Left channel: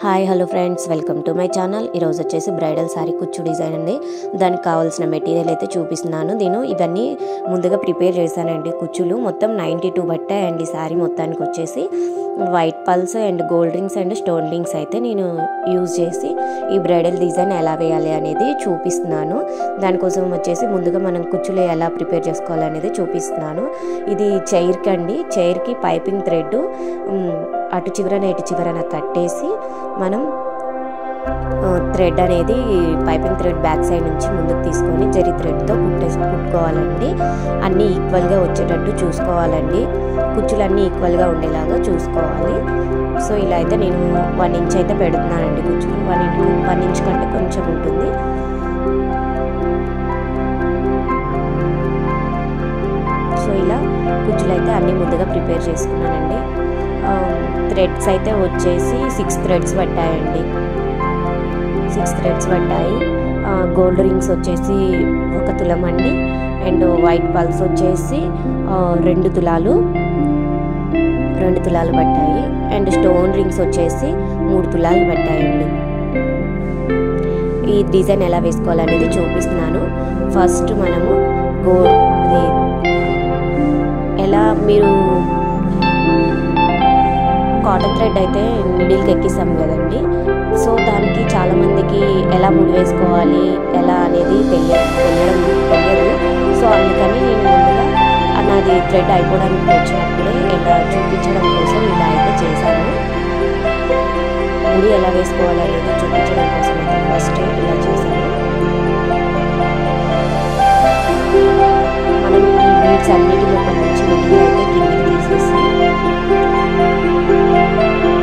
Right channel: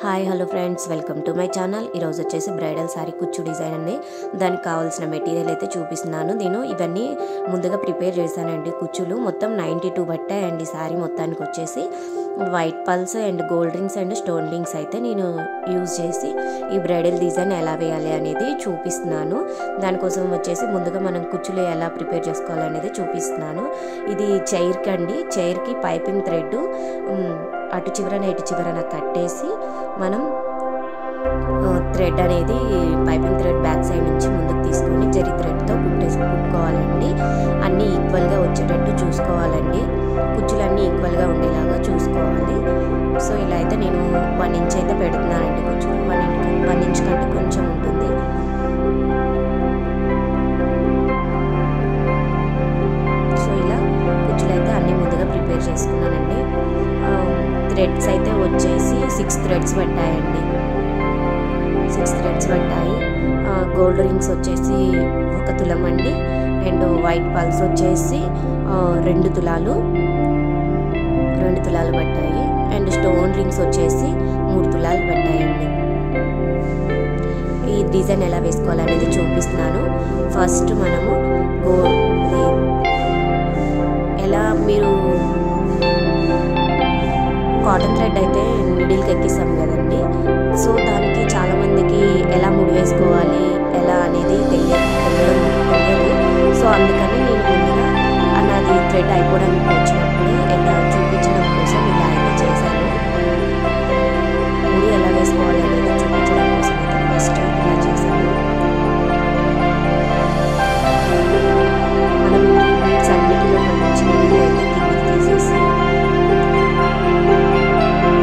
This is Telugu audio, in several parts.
Hi hello friends, welcome to my channel. ఈరోజు వచ్చేసి బ్రైడల్ శారీ కుచ్చు డిజైన్ అండి. దానికి కావాల్సిన మెటీరియల్ అయితే చూపిస్తున్నాను. నేను ఇవన్నీ ముందుగా ప్రిపేర్ చేశానండి. కుచ్చులు మొత్తం 92 పట్టాయండి. శారీ మొత్తానికి వచ్చేసి white pulse and gold rings and stone rings అయితే నేను యూజ్ చేసి ఈ బ్రైడల్ డిజైన్ ఎలా వేయాలి అనేది చూపిస్తున్నాను. దానికోసం వచ్చేసి ముందుగా మనం కుచ్చులు ఎలా ప్రిపేర్ చేసుకోవాలనేది చూపిస్తున్నాను. ఇది చైర్కి అండి. చైర్కి పైపింగ్ థ్రెడ్ అటు చివరన ఇటు చివరన కట్టేసి మనం థ్రెడ్ అనేది పైపింగ్ థ్రెడ్ బ్యాక్ సైడ్ నుంచి ముందుకు తీసుకొని జరీ థ్రెడ్తో కుట్టుకోవాలండి. అన్నీ ఈక్వల్గా వచ్చేటట్టు చూసుకోవాలండి. కుచ్చులన్నీ ఈక్వల్గా ఉండేలాగా చూసుకోవాలి. సో ఇలా అయితే నేను 1 ఇంచ్ అయితే పెడుతున్నానండి. కుచ్చులు 1 ఇంచ్ కంటే కొంచెం ఉంటుంది. సో ఇలా కుచ్చులు అయితే అన్నీ ముందుగా ప్రిపేర్ చేసుకున్నానండి. థ్రెడ్స్ అయితే వచ్చేసి 6 థ్రెడ్స్ పట్టాయండి. 6 థ్రెడ్స్ పట్టాయి. గోల్డ్ రింగ్స్ వచ్చేసి 1 తులం అండి. అండ్ వైట్ పల్స్ వచ్చేసి 2 తులాలు పట్టాయి. అండ్ స్టోన్ రింగ్స్ వచ్చేసి 3 తులాలు పట్టాయండి. ఈ డిజైన్ ఎలా వేసుకోవాలనేది చూపిస్తున్నాను. ఫస్ట్ మనము ఎలా మీరు కాటన్ థ్రెడ్ అయితే మిడిల్కి ఎక్కిస్తాం కదండి. సో దానికి చాలామందికి ఎలా ముడి వేసుకోవాలి ఎలా అనేది తెలియదు. సో అందుకని నేను ముందుగా నాది థ్రెడ్ అయిపోవడానికి వచ్చినప్పుడే ఎలా చూపించడం కోసం ఇలా అయితే చేశాను. ముడి ఎలా వేసుకోవాలి అనేది చూపించడం కోసం అయితే ఫస్ట్ ఇలా చేశాను. మనం ఈ బీడ్స్ అన్నిటిలో నుంచి మిడిల్ అయితే కిందికి తీసేసి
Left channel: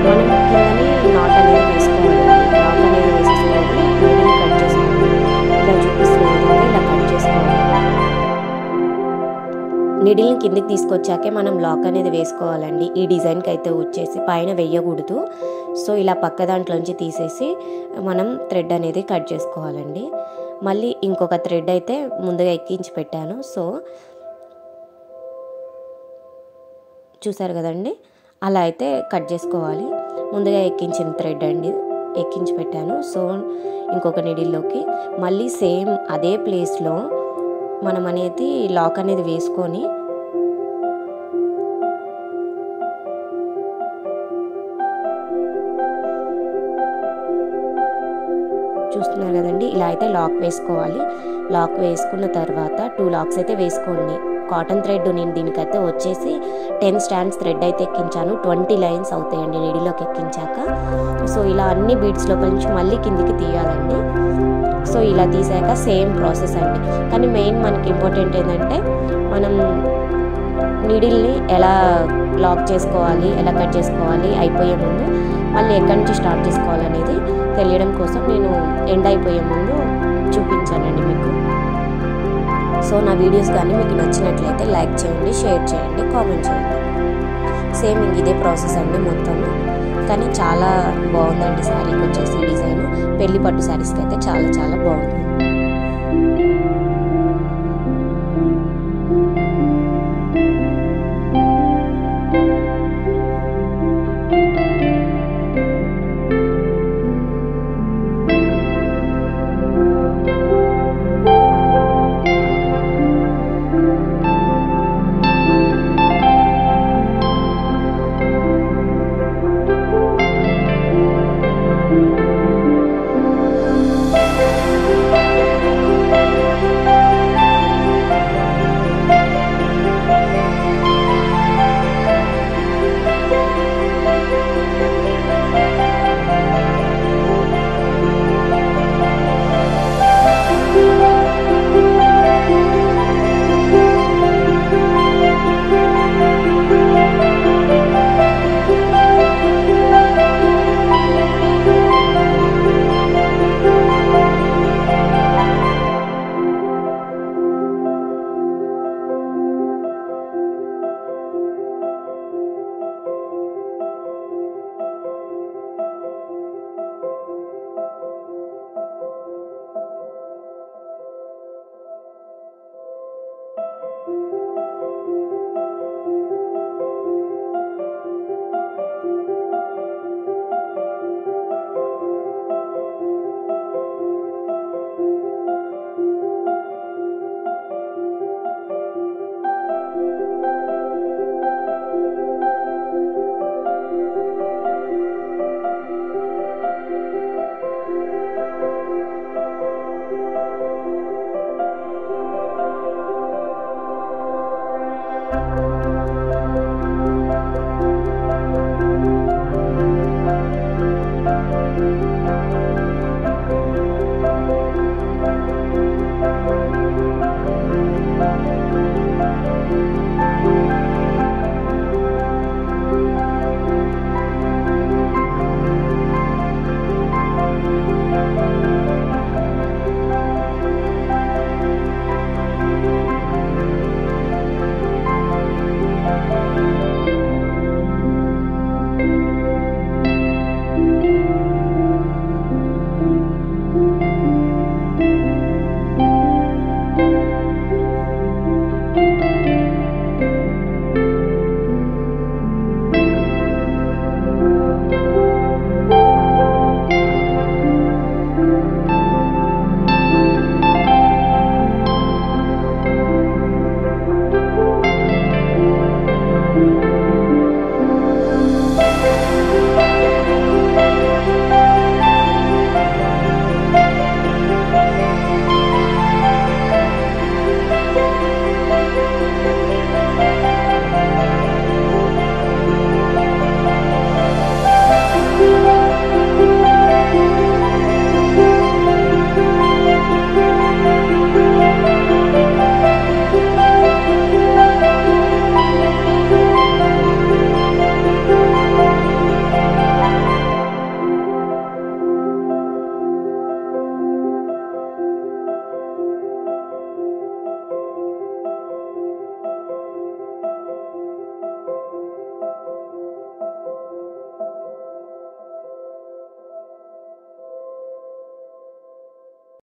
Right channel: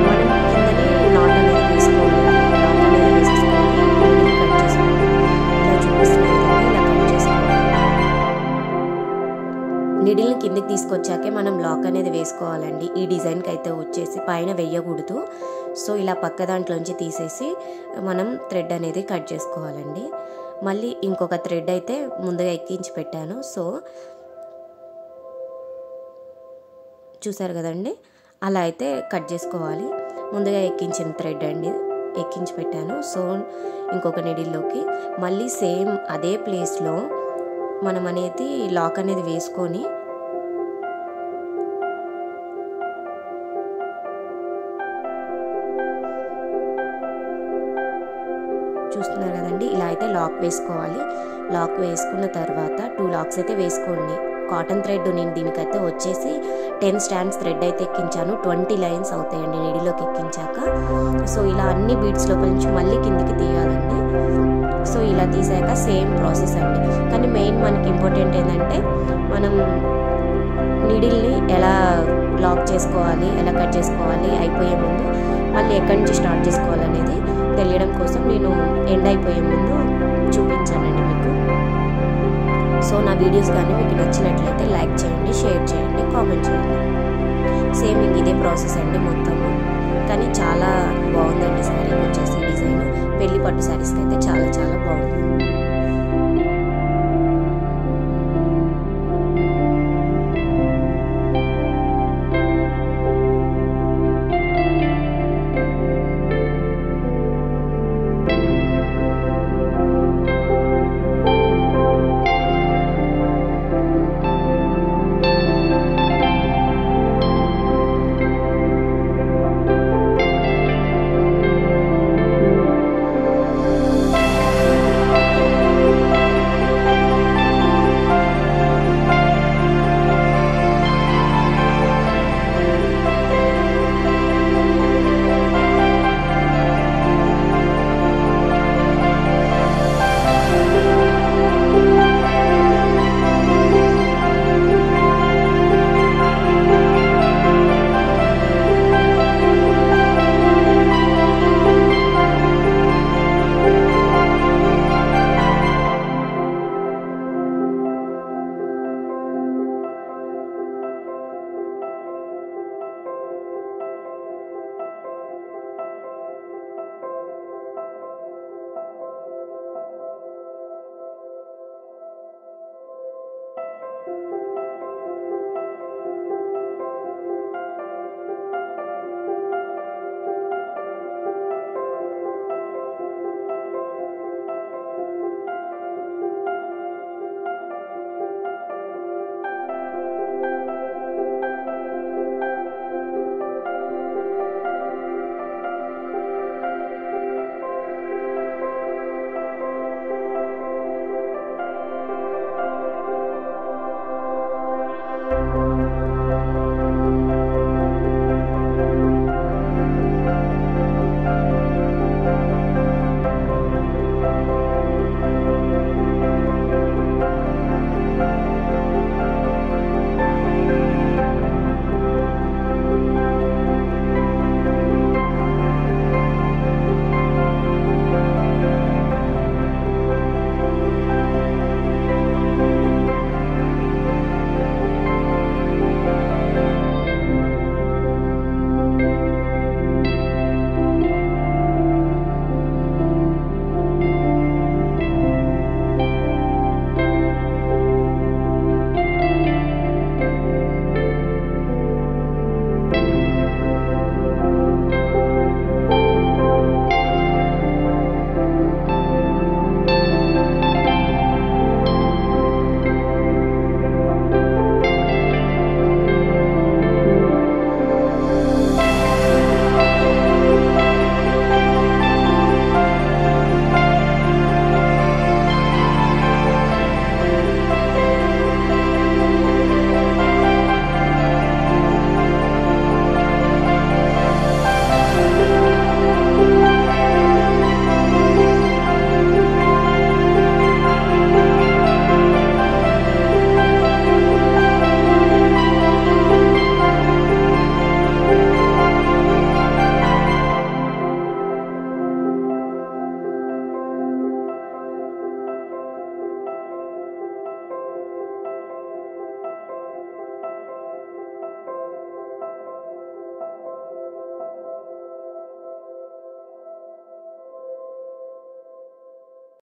మనం కిందని నాట్ అనేది వేసుకోవాలండి. నాట్ అనేది వేసేసుకోవాలి. నీడిల్ కట్ చేసుకోవాలి. ఇలా చూపిస్తున్న విధంగా ఇలా కట్ చేసుకోవాలి. నీడిల్ని కిందికి తీసుకొచ్చాకే మనం లాక్ అనేది వేసుకోవాలండి. ఈ డిజైన్కి అయితే వచ్చేసి పైన వేయకూడదు. సో ఇలా పక్క దాంట్లోంచి తీసేసి మనం థ్రెడ్ అనేది కట్ చేసుకోవాలండి. మళ్ళీ ఇంకొక థ్రెడ్ అయితే ముందుగా ఎక్కించి పెట్టాను. సో చూసారు కదండి, అలా అయితే కట్ చేసుకోవాలి. ముందుగా ఎక్కించిన థ్రెడ్ అండి ఎక్కించి పెట్టాను. సో ఇంకొక నీడిల్లోకి మళ్ళీ సేమ్ అదే ప్లేస్లో మనం అనేది లాక్ అనేది వేసుకొని చూస్తున్నారు కదండి, ఇలా అయితే లాక్ వేసుకోవాలి. లాక్ వేసుకున్న తర్వాత 2 లాక్స్ అయితే వేసుకోండి. కాటన్ థ్రెడ్ నేను దీనికైతే వచ్చేసి 10 స్టాండ్స్ థ్రెడ్ అయితే ఎక్కించాను. 20 లైన్స్ అవుతాయండి నీడిలోకి ఎక్కించాక. సో ఇలా అన్ని బీడ్స్లో నుంచి మళ్ళీ కిందికి తీయాలండి. సో ఇలా తీసాక సేమ్ ప్రాసెస్ అండి. కానీ మెయిన్ మనకి ఇంపార్టెంట్ ఏంటంటే మనం నీడిల్ని ఎలా లాక్ చేసుకోవాలి, ఎలా కట్ చేసుకోవాలి అయిపోయే ముందు, మళ్ళీ ఎక్కడి నుంచి స్టార్ట్ చేసుకోవాలనేది తెలియడం కోసం నేను ఎండ్ అయిపోయే ముందు చూపించానండి మీకు. సో నా వీడియోస్ కానీ మీకు నచ్చినట్లయితే లైక్ చేయండి, షేర్ చేయండి, కామెంట్ చేయండి. సేమ్ ఇదే ప్రాసెస్ అండి మొత్తం. కానీ చాలా బాగుందండి శారీకి వచ్చేసి డిజైన్. పెళ్లి పట్టు శారీస్కి అయితే చాలా చాలా బాగుంది.